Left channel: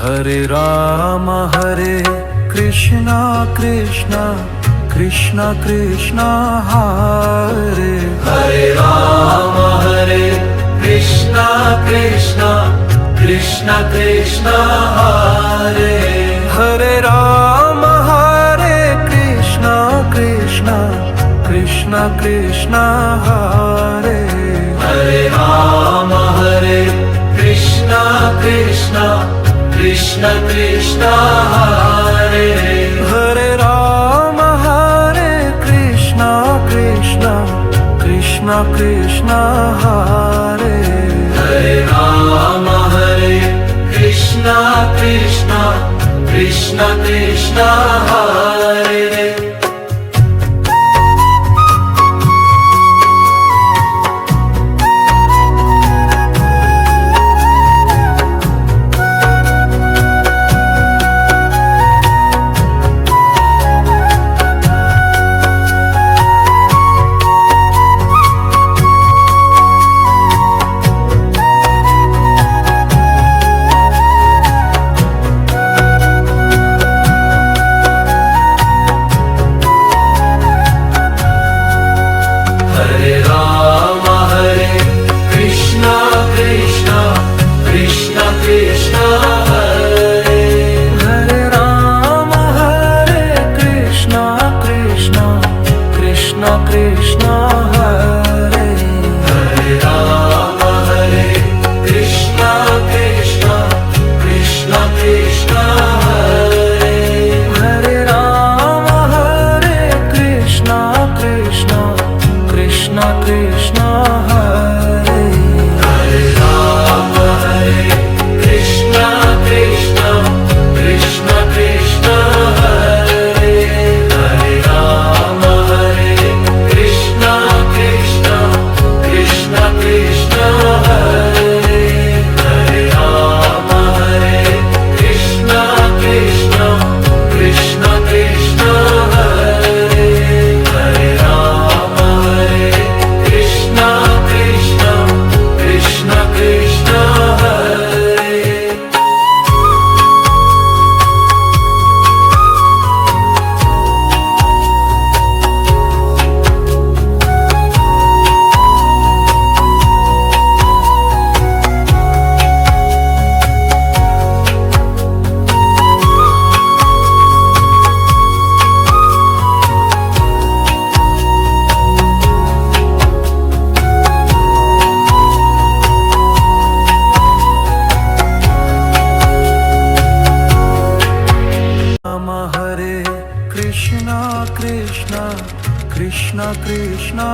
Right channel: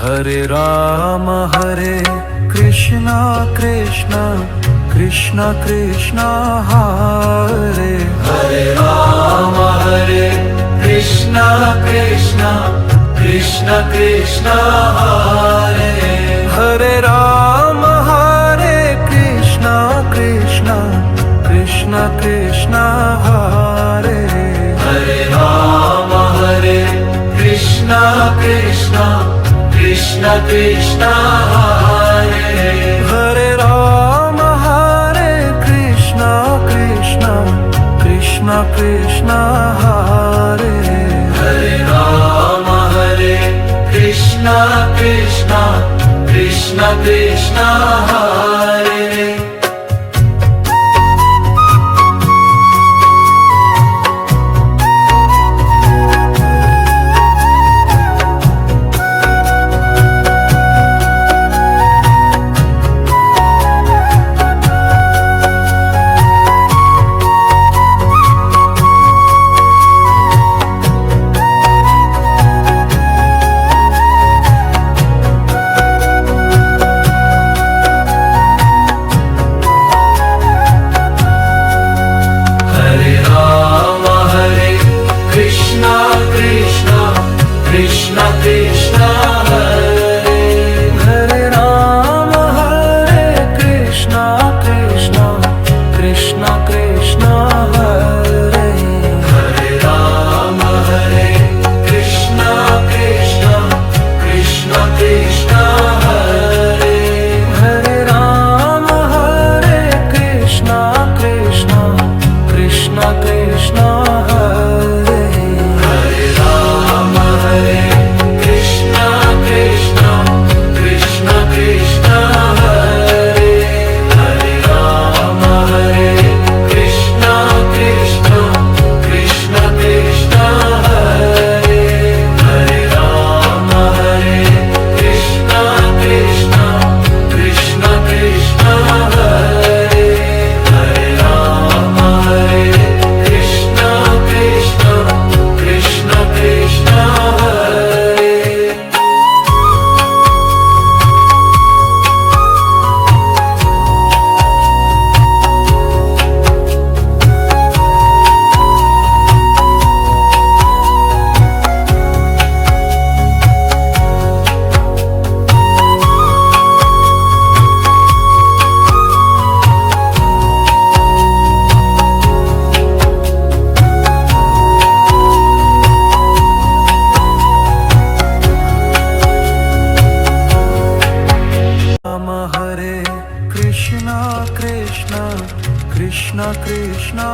Hare Krishna Krishna Krishna Krishna Hare Hare Krishna Krishna Krishna Krishna Hare Hare Krishna Krishna Krishna Krishna Hare Hare Krishna Krishna Krishna Krishna Hare Hare Krishna Krishna Krishna Krishna Hare Hare Krishna Krishna Krishna Krishna Hare Krishna Krishna Hare Hare Krishna Krishna Krishna Krishna Hare Hare Krishna Krishna Krishna Krishna Hare Hare Krishna Krishna Krishna Krishna Hare Hare Krishna Krishna Krishna Krishna Hare Hare Krishna Krishna Krishna Krishna Hare Hare Krishna Krishna Krishna Krishna Hare Hare Krishna Krishna Krishna Krishna